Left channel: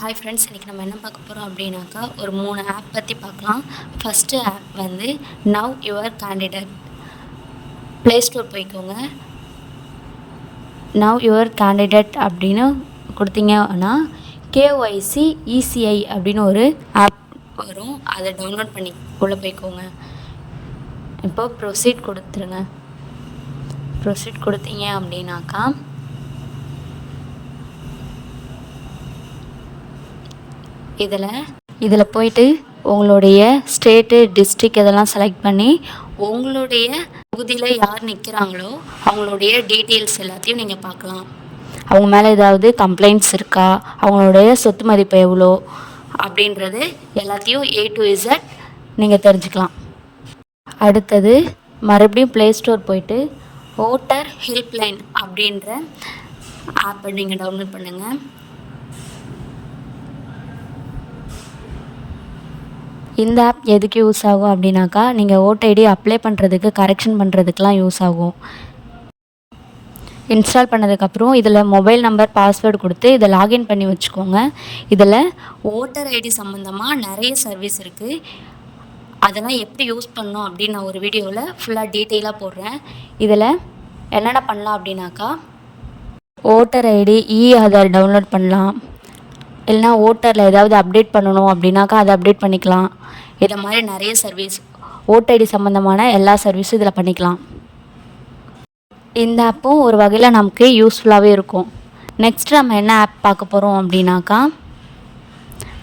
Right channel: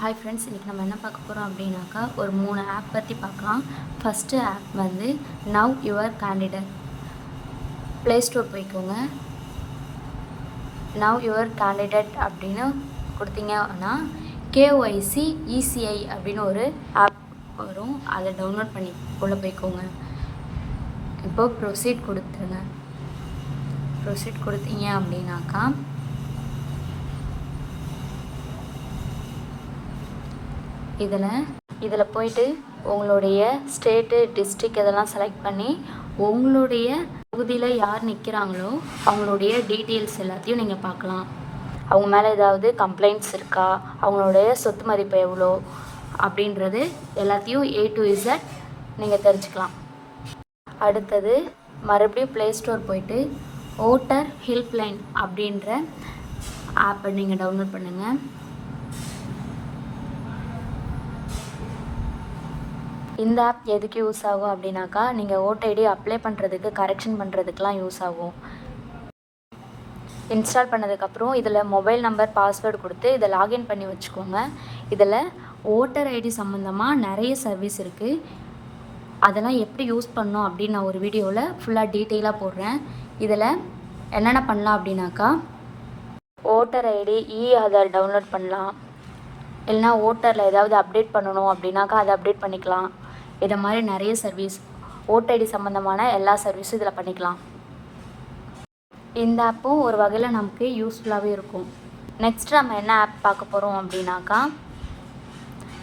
Hi friends, இன்றைக்கி நம்ம என்ன பார்க்க போகிறோம் அப்படின்னாக்கா ஒரு 3 ஆப் பற்றி பார்க்கலாம். ஃபஸ்ட்டு ஆப் வந்து know your candidate. Play store போய்க்கோங்க. நவ் யுவர் கேண்டிடேட் அப்படின்னு கொடுத்தீங்கன்னா கேஒய்சி இசிஐ அப்படின்னு ஒரு ஆப் வரும். அதை டவுன்லோட் பண்ணி உள்ளே போய்க்கோங்க. இப்போது ப்ரொசீட் கொடுத்துருங்க. ப்ரொசீட் கொடுத்தீங்க அப்படின்னாக்கா இதில் போயிட்டு உங்களுடைய ஸ்டேட்டு, டிஸ்ட்ரிக் இதெல்லாம் செலக்ட் பண்ணி உங்களுடைய தொகுதியில் யார் நிற்கிறாங்களோ அவங்களுடைய டீட்டெயில்ஸ் எல்லாத்தையும் நீங்கள் பார்க்கலாம். அவங்க மேலே ஏதாவது கம்ப்ளைண்ட்ஸ் இருக்கா, அவங்களுடைய சொத்து மதிப்பு எவ்வளோ அப்படின்றது எல்லாத்தையும் A to Z நீங்கள் தெரிஞ்சுக்கலாம். அடுத்தது மறுபடியும் ப்ளே ஸ்டோர் போயிட்டு ஓட்டர் ஹெல்ப்லைன் அப்படின்ற ஆப்பை நீங்கள் டவுன்லோட் பண்ணுங்கள். இந்த ஆப் எதுக்கு யூஸ் ஆகும் அப்படின்னாக்கா நீங்கள் ஓட்டர் ஐடி அப்ளை பண்ணுறதுக்கு, கரெக்ஷன் பண்ணுறதுக்கெலாம் யூஸ் ஆகும். இன்ஸ்டால் பண்ணதுக்கப்புறம் இதில் மொபைல் நம்பர், பாஸ்வேர்டு கொடுத்து இதை லாகின் பண்ணி வச்சுக்கோங்க. இதில் ஓட்டர் ஐடி சம்மந்தமாக நிறைய சர்வீஸ் இருக்குது. அதெல்லாம் எப்படி யூஸ் பண்ணோம் அப்படின்னு நான் ஒரு வீடியோவில் ஃபுல்லாக டீட்டெயிலாக போடுறேன். இதில் என்னென்ன பண்ணலாம் அப்படின்னாக்கா ஓட்டர் ஐடி ஆதார் டவுன்லோட் பண்ணலாம். இல்லைனா ஓட்டரில் ஏதாவது அப்டேட் பண்ணணும் அப்படின்னாக்கா அதை அப்டேட் பண்ணிக்கலாம். இதை மாதிரி நிறைய சர்வீஸ், ஓட்டர் ஐடி சம்மந்தமான எல்லா சர்வீஸும் இதில் பண்ணிக்கலாம். இந்த ஆப்பும் ஒரு வகையில் நமக்கு யூஸ்ஃபுல்லாகவே இருக்கும். நெக்ஸ்ட் நம்ம என்ன ஆப் பார்க்க போகிறோம் அப்படின்னாக்கா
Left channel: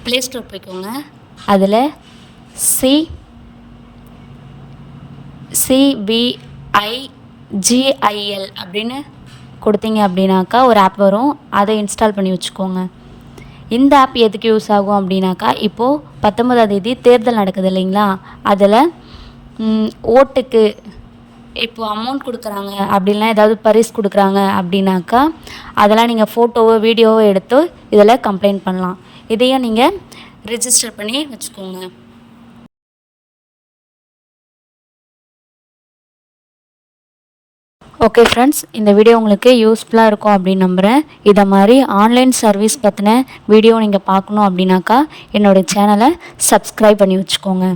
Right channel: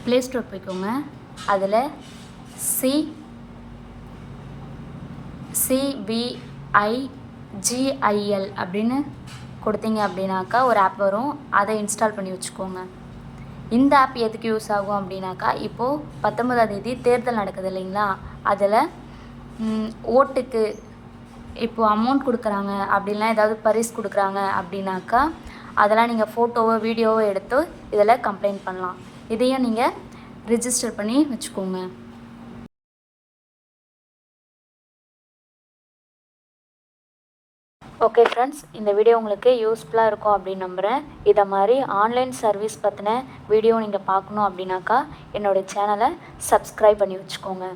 ப்ளே ஸ்டோர் போய்க்கோங்க. அதில் CBIGIL அப்படின்னு கொடுத்தீங்க அப்படின்னாக்கா ஒரு ஆப் வரும். அதை இன்ஸ்டால் பண்ணி வச்சுக்கோங்க. இந்த ஆப் எதுக்கு யூஸ் ஆகும் அப்படின்னாக்கா இப்போது 19ஆம் தேதி தேர்தல் நடக்குது இல்லைங்களா, அதில் ஓட்டுக்கு இப்போது அமௌண்ட் கொடுக்குறாங்க அப்படின்லாம் ஏதாவது பரிசு கொடுக்குறாங்க அப்படின்னாக்கா அதெல்லாம் நீங்கள் ஃபோட்டோவோ வீடியோவோ எடுத்து இதில் கம்ப்ளைண்ட் பண்ணலாம். இதையும் நீங்கள் ரிஜிஸ்டர் பண்ணி வச்சுக்கோங்க. ஓகே ஃப்ரெண்ட்ஸ், இந்த வீடியோ உங்களுக்கு யூஸ்ஃபுல்லாக இருக்கும் அப்படின்னு நம்புகிறேன். இதை மாதிரி ஆன்லைன் சர்வீஸ் பற்றின வீடியோ நீங்கள் பார்க்கணும் அப்படின்னாக்கா என்னோடய சேனலை சப்ஸ்கிரைப் பண்ணி வச்சுக்கோங்க.